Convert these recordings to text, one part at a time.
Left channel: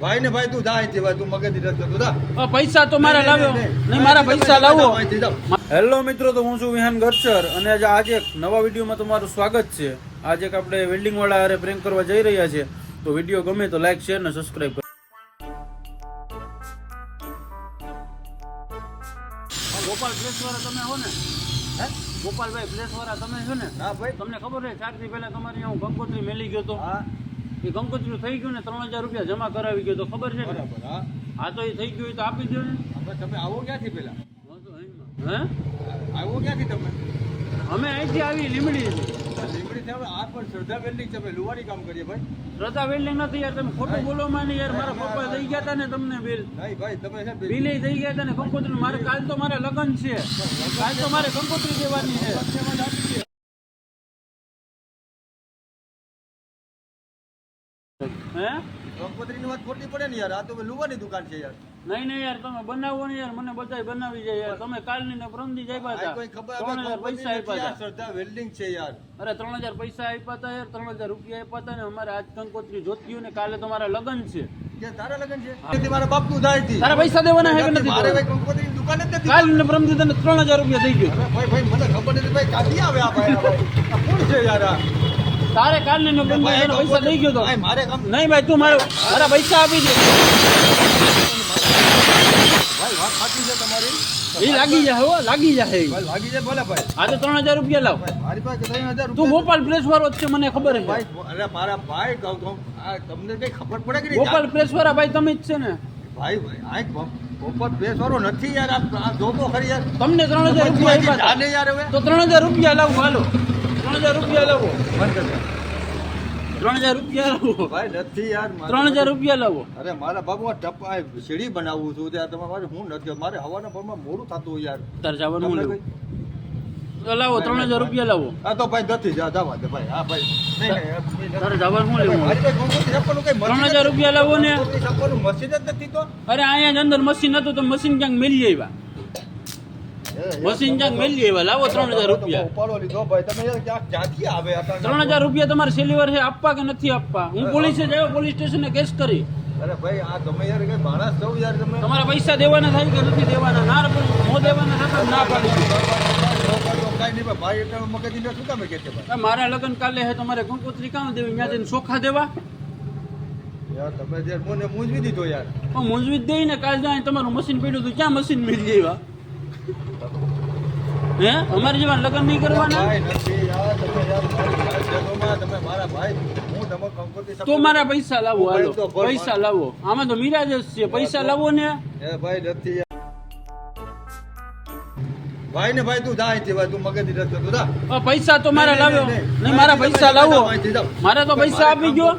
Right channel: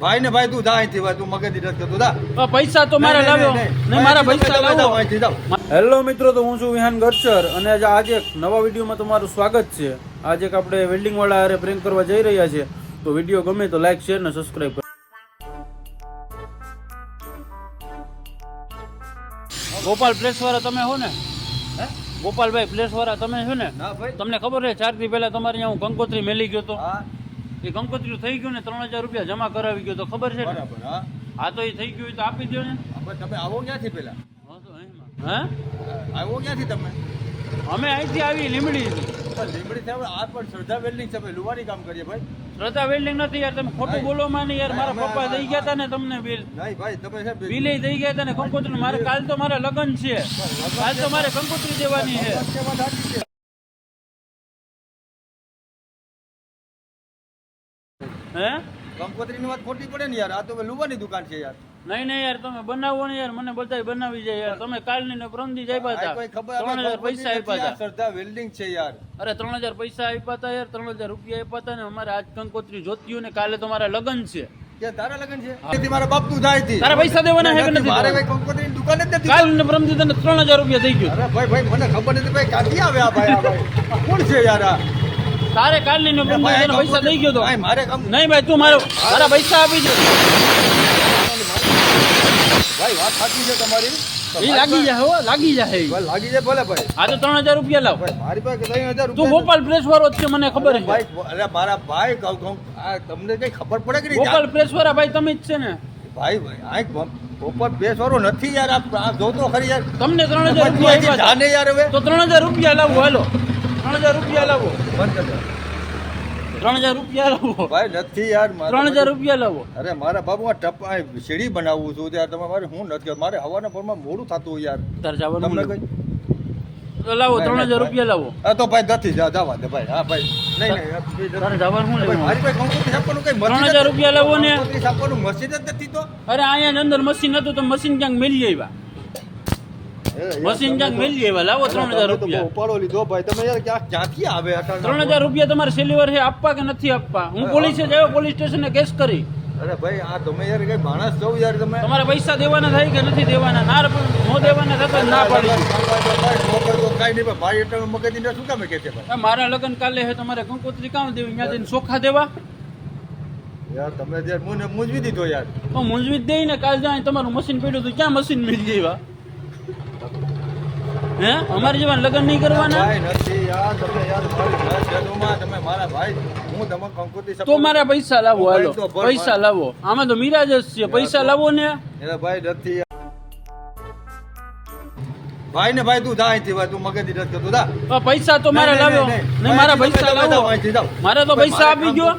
ભાઈ ને ભાઈ તું જા અહીંથી ભાઈ, તું મગજની રસ્તે તું જા. પૈસા તો મારે લાવ્યો નહીં, મારા પૈસા લાવો. હેલો મિત્રો, તો હું છું વિહાન ગરચર અને આજે એક નવા વિડીયોમાં તમારું સ્વાગત છે. આજે એક આપણે વેલ્ડિંગ વાળા હારે પ્રેન્ક કરવા જઈ રહ્યા છે. તો વિડીયો ગમે તો લાઈક, શેર ને સબસ્ક્રાઇબ કરો. ગોપાલ પ્લેસ વાળા તમે હો ને? ગોપાલભાઈ પ્લેસ વાળા તમે છો ને? તમને ખબર છે 4 દી પહેલા તમારે અહીંયા હું કંકોત્રી મેલી ગયો તો, એ કંકોત્રી થઈ ગયું ને 3000 રૂપિયા જમા કરાવી ગયો તો, ખબર છે ને? હા તો એ થઈ ગયું તો આપી દો ને. તમે આવો ક્યાંથી પેલા? હે આવો ક્યાંથી તમે? અમે અહીંથી આવી લીમડી. લીમડી થી આ પણ શ્રદ્ધા વેલ્ડિંગ છે, અમે લુવાની કામ કરીએ ભાઈ. શ્રદ્ધા વેલ્ડિંગ નથી યાર, તમે ખોટું બોલો માં નહીં યાર. મારા પપ્પા દઈ ગયા હતા ને તમને બિલ. નહીં ભાઈ, તમે છે બિલ દઈ ગયા હતા ને કંકોત્રી. મારે કાલ તો મારા લગ્ન છે, કાલ તો મારે કંકોત્રી દેવાની છે. હે કંકોત્રીની વાત ખોટી પડે ને યાર, આ તો લુવાની દુકાન છે યાર. નહીં યાર, તમે બનાવો ને યાર, મને બધાય બનાવી જાય યાર. તમે કાલની ને પ્રમદી જ આપ્યા હતા, 3000 પૈસા આપ્યા હતા. શ્રદ્ધા વેલ્ડિંગ છે યાર. અરે 3000 પૈસા આપ્યા હતા યાર, 3000 રૂપિયા આપ્યા હતા ને અમારે આજ કંકોત્રી જોતી ને કાલે તમારા લગ્ન છે. કે તારા લગ્ન છે? મારા બાપ નું થાય છે. તારા પૈસા દેવાના હે કે નથી? મારે ભાઈ કંકોત્રીની દુકાન જ નથી. કાલ ને પ્રમદી તને 3000 રૂપિયા થઈ ગયું. અરે ભાઈ મને ખબર નથી ભાઈ, ક્યાંથી આવે આ ભાઈ? કોણ છે યાર આ? તારે કાલની ને પ્રમદી તને પૈસા દઈ ગયો તો. મારે નહીં ભાઈ, તું મારા પૈસા આપી દે ભાઈ. વાત સાચી છે તમારી. એ લાગી જાય હો, લાગી જાય. લાગી જાય ભલે ભાઈ. આ તો 3000 રૂપિયા લાવ. મારી પાસે 3000 તું ગોપાલ પ્રેસ વાળો જ છે, મને ખબર છે. અરે મારા ભાઈ તમને કઈ ખબર પડે કે ગોપાલ પ્રેસ વાળા ભાઈ તમે જ છે ને? ભાઈ આ ગોપાલ પ્રેસ વાળો નથી યાર. આ જોતો ખરી યાર. તમને 3000 રૂપિયા આપ્યા હતા. જાને યાર હવે તો 3000 રૂપિયા લાવો. હાલો 3000 રૂપિયા લાવો. 3000 રૂપિયા લાવો ભાઈ. નથી યાર, 3000 રૂપિયા લાવો. અરે મારા બાબુ આ ટપા સીડી બનાવવું છું ત્યાં તમારે હું નથી. મારે હવાના પોરમાં મોડું થતું યાર. તાર જવાનું લેવું તો લાવો. 3000 રૂપિયા લાવો. હા તો ભાઈ નથી જવા દે ભાઈ. હા ભાઈ નહીં તારે જવાનું શું લેવું? મારી પાસે કંકોત્રી છાપવાનું કઈ 3000 રૂપિયા લાવો ને. છાપવાનું મશીન જ નથી તો. અરે અહીંયા અંદર મશીન હતું તો મશીન ક્યાંક મેલી આવ્યા. મશીન ક્યાંક મેલી આવ્યા. લાવો 3000 રૂપિયા. ઉપાડો લીધો ભાઈ તમે યાર. ક્યાંથી આવે? 3000 રૂપિયા તમારે સેલીવર છે આપવા કે નથી આપવા? હું પોલીસે જાયો, પોલીસ સ્ટેશને કેસ કરી. અરે ભાઈ આ તમે યાર કઈ માણસ છો યાર તમે. તમારા પૈસા દેવાના થાય કે નથી દેવાના? ના નો દેવાના થતા ના પાડી. કઈ નહીં ભાઈ, એટલે મગજની શું કામે કે છે ભાઈ? મારા લગ્ન કાલે છે, તમારે કંકોત્રી કામ દેવી? ત્યાં જઈને ચોખા દેવા? યાર તમે જે મને મૂંઝવી દીધો યાર. મૂંઝવી જ દઈ ને. કાલ જાય તમારું મશીન પડ્યું હતું, ક્યાં મશીન મેળવી આવ્યા? હે અમારે જેવા લગ્ન નહીં કરવાના? નથી યાર. તમે યાર તમે મારા ભાઈ, હું તમે કંકોત્રી તો મારા પૈસા લાવો. હાલો પૈસા લાવો. આમાં તો મિરાજ જ છે. પૈસા લાવો ને. એ ભાઈ નથી ભાઈ ને ભાઈ તું જા અહીંથી ભાઈ, તું મગજની રસ્તે તું જા. પૈસા તો મારે લાવ્યો નહીં, મારા પૈસા લાવો. મારે તો પૈસા આપી ગયો.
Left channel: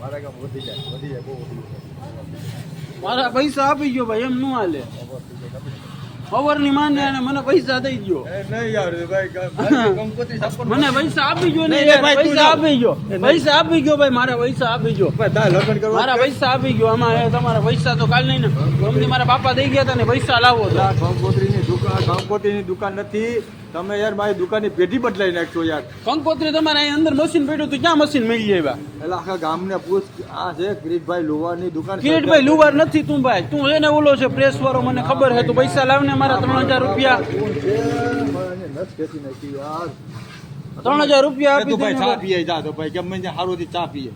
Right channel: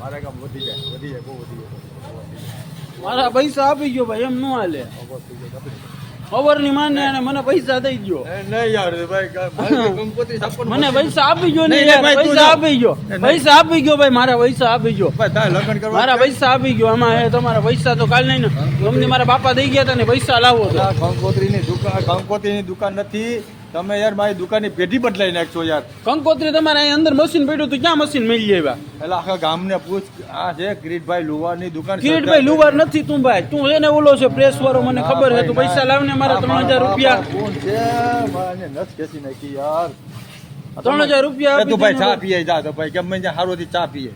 મારા કામ વધી જાય બહુ વધી જાય. મારા પૈસા આપી ગયો ભાઈ, એમ ન હાલે. ખબર ની માને અને મને પૈસા દઈ ગયો. નહીં યાર ભાઈ, કંકોત્રી છાપવાનું મને પૈસા આપી ગયો ને યાર. પૈસા આપી ગયો. પૈસા આપી ગયો ભાઈ. મારા પૈસા આપી ગયો. લગ્ન કરવા મારા પૈસા આપી ગયો. આમાં તમારા પૈસા તો કાલ નહીં ને. અમને મારા બાપા દઈ ગયા હતા ને પૈસા લાવો તો. કંકોત્રીની દુકાન નથી. તમે યાર મારી દુકાનની પેઢી બદલાઈ નાખશો યાર. કંકોત્રી તમારે અહીં અંદર મશીન પડ્યું હતું, ક્યાં મશીન મળી આવ્યા? એટલે આખા ગામને પૂછ. આ છે કિરીટભાઈ લુવારની દુકાન. કિરીટભાઈ લુવાર નથી તું ભાઈ. તું એને ઓલો છે પ્રેસ વાળો, મને ખબર છે. તું પૈસા લાવને મારા 3000 રૂપિયા. 3000 રૂપિયા આપી ભાઈ ચા પીએ જા તો ભાઈ ગમે ત્યાં હારોથી ચા પીએ.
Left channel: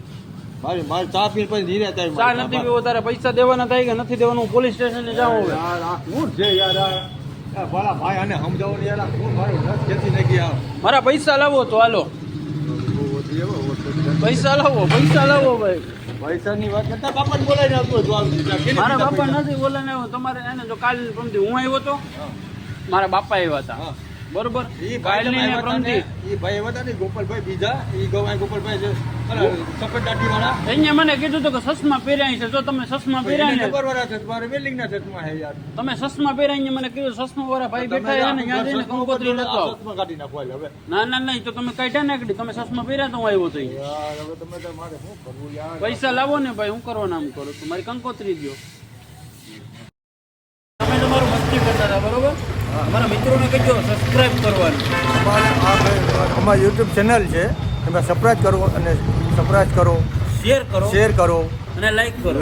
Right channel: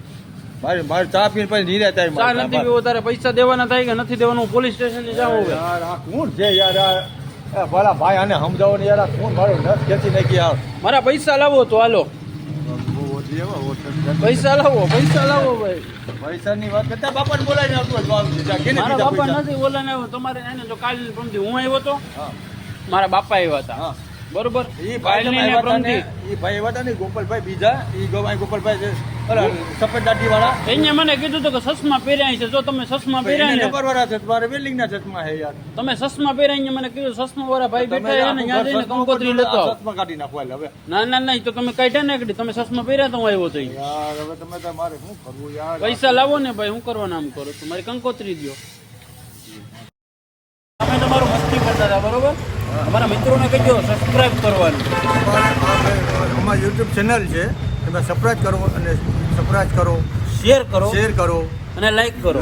મારે ચા પીને પછી નીરે થાય. ચા નથી પીવો. તારે પૈસા દેવાના થાય કે નથી દેવાનું? પોલીસ સ્ટેશને જાઓ હવે. યાર આ શું છે યાર? આ ભલા ભાઈ આને સમજાવો ને યાર. શું મારો નસ ખેંચી નાખી યાર. મારા પૈસા લાવો તો હાલો. પૈસા લાવો. પૈસા લાવો ભાઈ. પૈસાની વાત કરતા બાપાને બોલાવીને આપો જવાબ દીધા. મારા બાપા નથી બોલાને આવ્યો. તમારે એને તો કાલ પ્રમદી હું આવ્યો તો. મારા બાપા આવ્યા હતા બરોબર. ઈ ભાઈ હતા ને ગોપાલભાઈ બીજા. ઈ ગોપાલભાઈ સફેદ દાઢી વાળા. એને મને કીધું હતું કે સસમા પહેર્યા છે. જો તમે સસમા પહેર્યા ને. તમારે વેલ્ડિંગ ના ચશ્મા હે યાર. તમે સસમા પહેર્યા મને કીધું. સસમા વાળા ભાઈ બેઠા છે ને, ત્યાં જઈને કંકોત્રી લેતો. ચશ્મા કાઢી નાખો હવે. ના તો તમે કાઢ્યા ના કાઢી. તમે સસમા પહેર્યા તો હું આવ્યો તો. યાર હવે તમે તમારે શું કરવું યાર? પૈસા લાવો ને ભાઈ. હું કરવાનું આમ કરો. તમારી કંકોત્રી દો. તમે તમારું મસ્તી કરતા હતા બરોબર. અમારા મિત્રોને કહેજો સબસ્ક્રાઇબ કરવાનું. અમારું યુટ્યુબ ચેનલ છે, તમે સબસ્ક્રાઇબ કરો અને શેર કરો અને લાઈક કરો.